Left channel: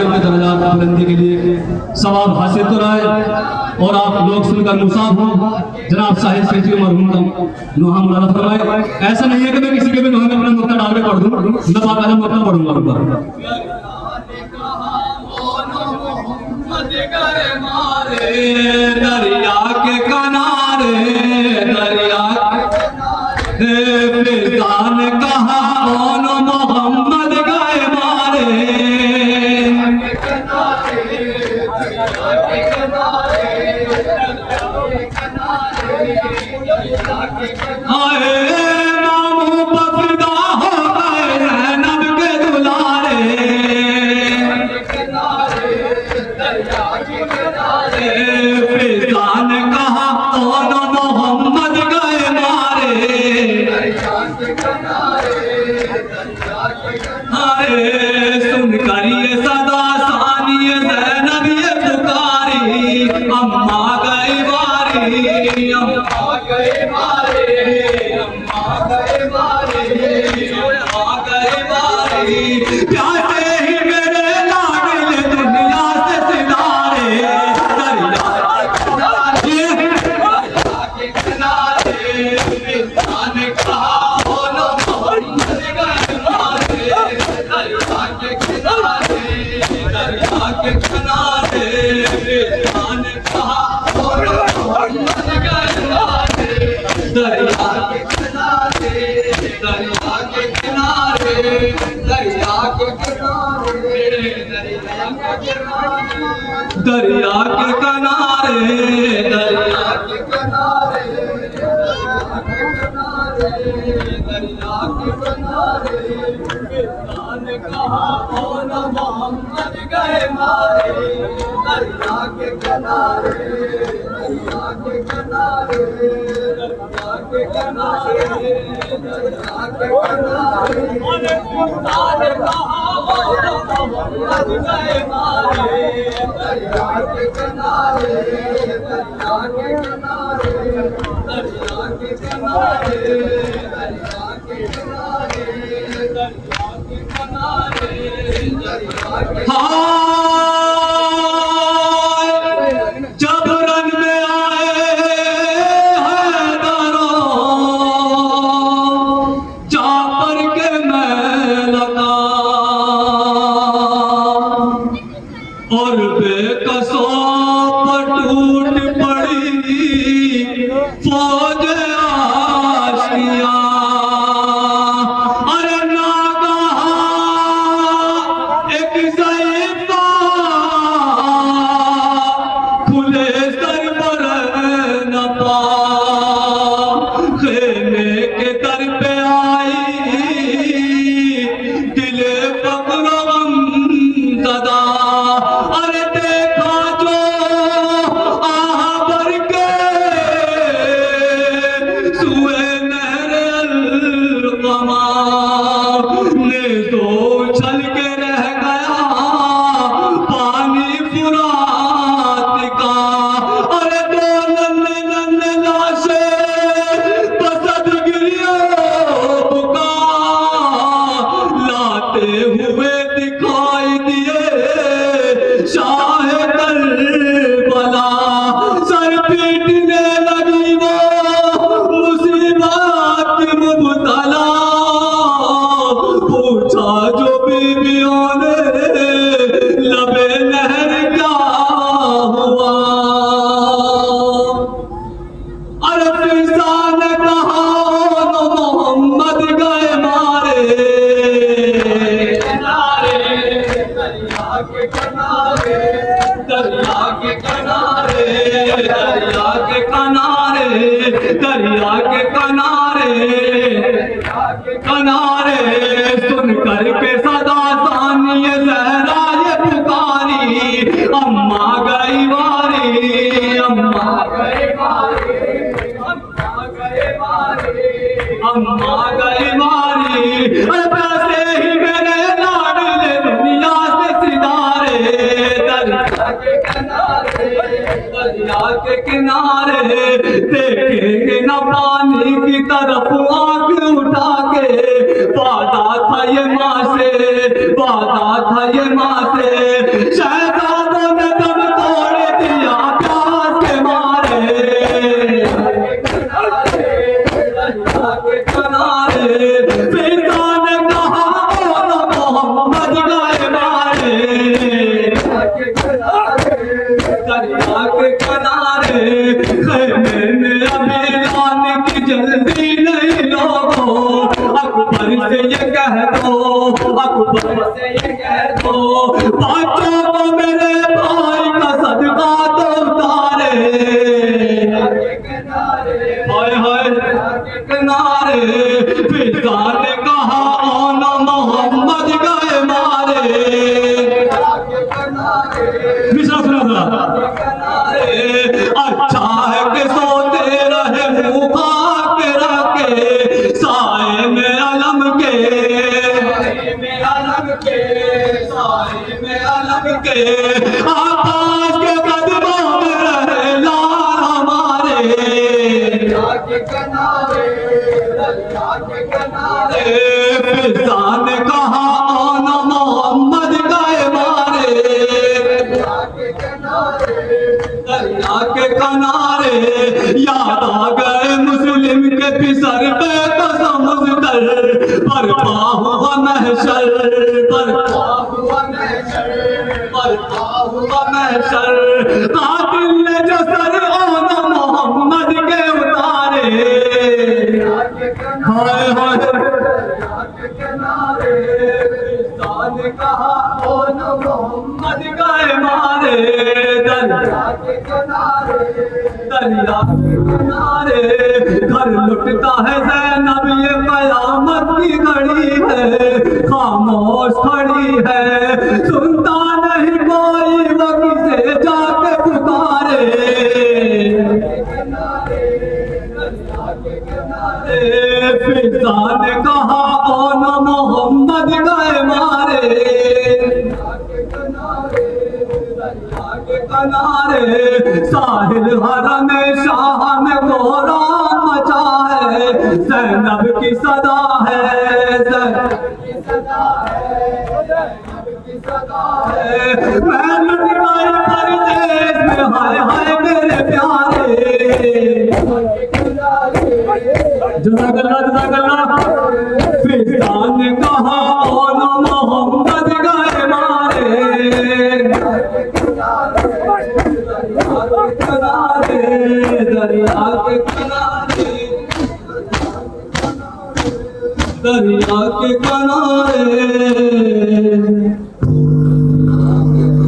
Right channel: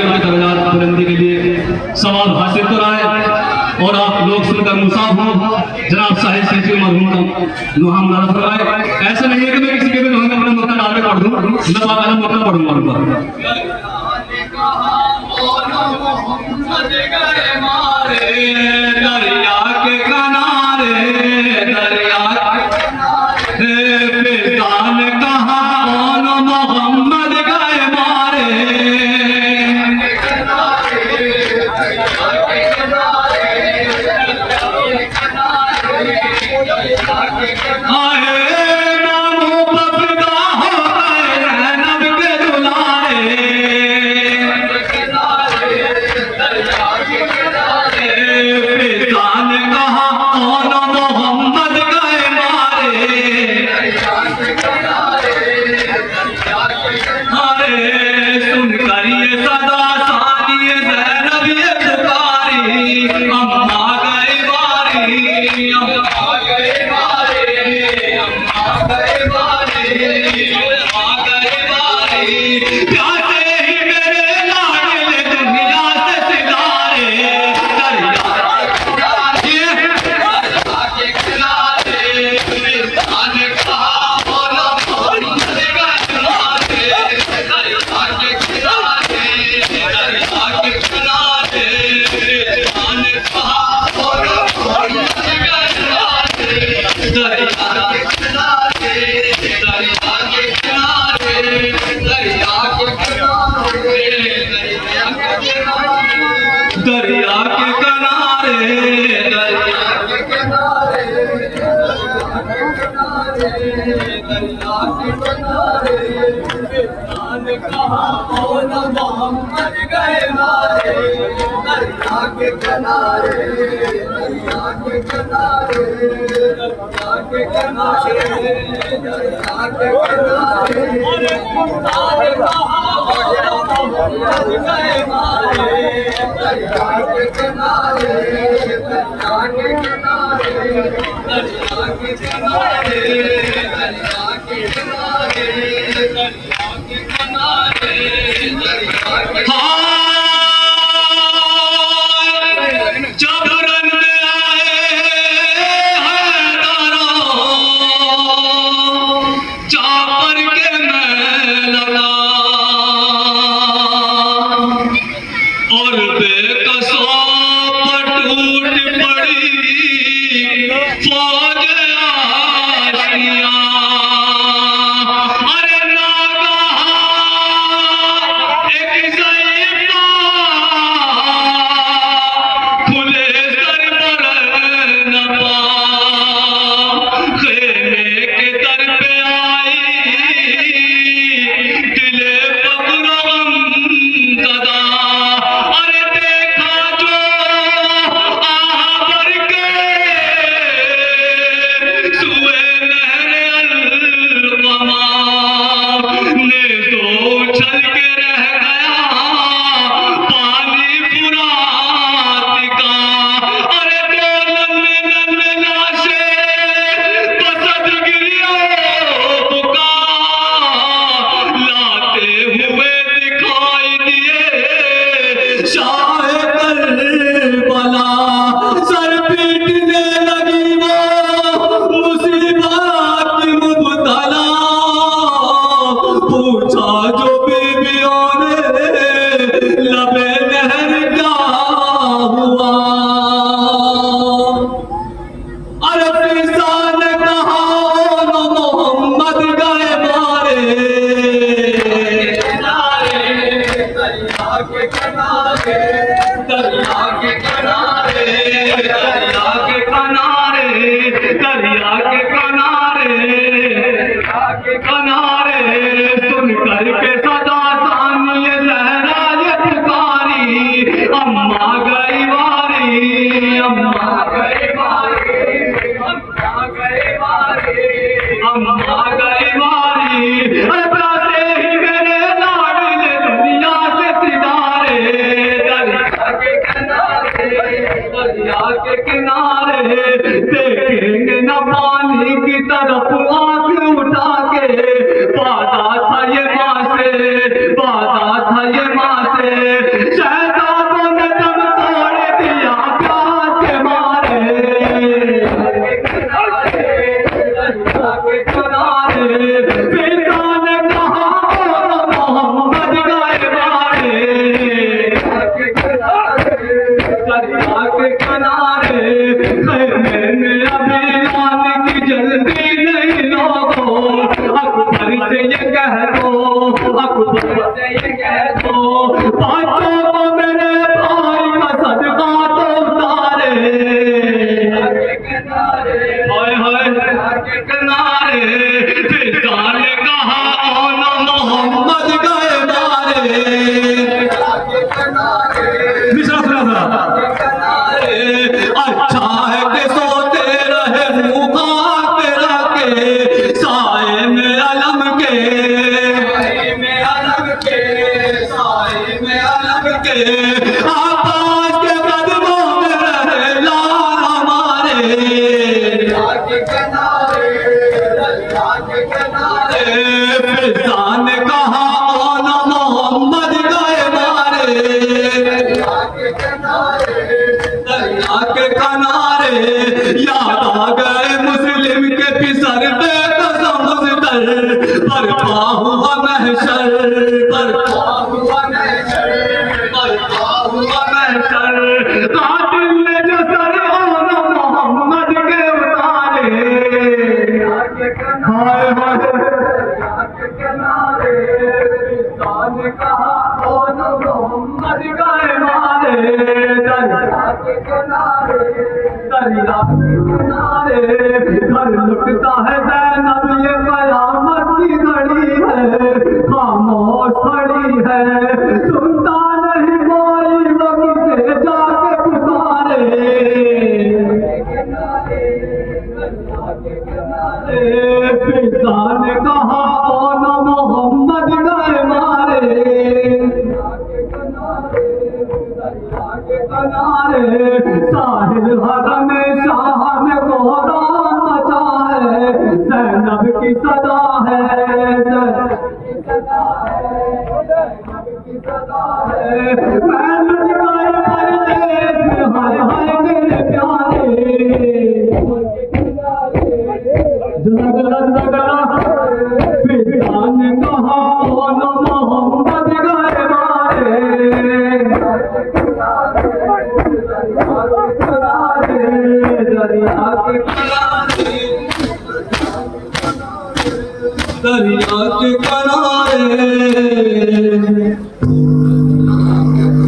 आगे उनके दरजात बुलंदी के लिए सवाब हासिल कराए और आप लोग सुनकर मुसाफ हो। जनाब साहिब सैफी मरहूम का नुहा मुबारक फरमाए। ऐसा नहीं है कि मैं किसी के भी नुहा में अपना मक्का डाल के पढ़ दूं, मैं बाकायदा मक्का पढ़ूंगा। दरिया के किनारे दरिया फिजान कहा कौन मोहम्मद गए मारे। मामू बफदा हो गए नब के दुलारे। फिजान कहा कौन मोहम्मद गए मारे। सुन कर ये सदा सानी ज़ैनब ये पुकारी अम्मा गए बारी अम्मा गए बारी अम्मा गए बारी अम्मा गए बारी। प्यासे ही मेरे लाडले दुनिया से सितारे दरिया के किनारे फिजान कहा दरिया के किनारे दरिया के किनारे दरिया के किनारे फिजान कहा कौन मोहम्मद गए मारे। दरिया के किनारे दरिया के किनारे दरिया के किनारे दरिया के किनारे फिजान कहा कौन मोहम्मद गए मारे। दरिया के किनारे दरिया के किनारे दरिया के किनारे दरिया के किनारे दरिया के किनारे दरिया के जब रंग में आए हैदरो चापर के मैं लगा और बेकसो टूट पड़ी फौज आशिया। अरे नागा एक ज़ईफ़ा खुले सर पर न पा खेमे के दर पे आई दिले फक्र गम ज़दा। अरे देखा जो आह भर के सुए नहरे अलक़मा ने तो चल के रह गया पानी फुरात का। अरे दो लम्बे लम्बे लाशें बसत गिरियों का लाते हुए दिखाई दिए शाह करबला। सर पीटने लगी वो मुसीबत मुबतला। पूछा जो बीवियों ने लबे नहर क्या हुआ। अरे फिजान कहा मोहम्मद गए मारे। दरिया के किनारे दरिया के किनारे दरिया के किनारे दरिया के किनारे किनारे सुन करके सदा सानी ज़हरा ये पुकारी अम्मा गई बारी अम्मा गई बारी अम्मा गई बारी अम्मा गई बारी। प्यासे ही मेरे लाडले दुनिया से सितारे दरिया के किनारे देखेंगे न पानी की तरफ आंख उठा के। वादा था ये माँ से वादा था ये माथे, शहजादों ने दम तोड़ दिया प्यास के मारे। पिता ने कहा मोहम्मद गए मारे। दरिया के किनारे खैमे में अभी आने की जल्दी नहीं लोगों, अकबर से ये कह दो, अकबर से ये कह दो, बच्चों को मेरे भाई का सदका तो उतारे। हाय हाय के किनारे पिता ने कहा आना मोहम्मद गए मारे। दूसरा सुना अच्छा है कि सोते रहे मुखा के रखे, साए में अलम के, साए में अलम के, साए में अलम के, आकाश के कदमों में रहे लाल हमारे। दरिया के किनारे पिता ने कहा आना मोहम्मद गए मारे। दरिया के किनारे याद आ गए मुस्लिम के फिसलते कसम कर, बर्पा हुआ महशर, बर्पा हुआ महशर, बर्पा हुआ महशर। कातिल ने जो सर आना मोहम्मद के उतारे। हाय हाय ने कहा आना मोहम्मद गए मारे। दरिया के किनारे, दरिया के किनारे घर लुटता है ज़ैनब, ये कयामत की घड़ी है, खामोश खड़ी है, सुनता नहीं कोई वो किसे जाके पुकारे। पिता ने कहा आना मोहम्मद गए मारे। किनारे साहिल हरम शाह में कोहरा मचा है, ज़ैनब की सदा है, ज़ैनब की सदा है। मैं लुट गई परदेस में, हाय हाय मेरे प्यारे। जज़ाकल्लाह पिता ने कहा आना मोहम्मद गए मारे। दरिया के किनारे, दरिया के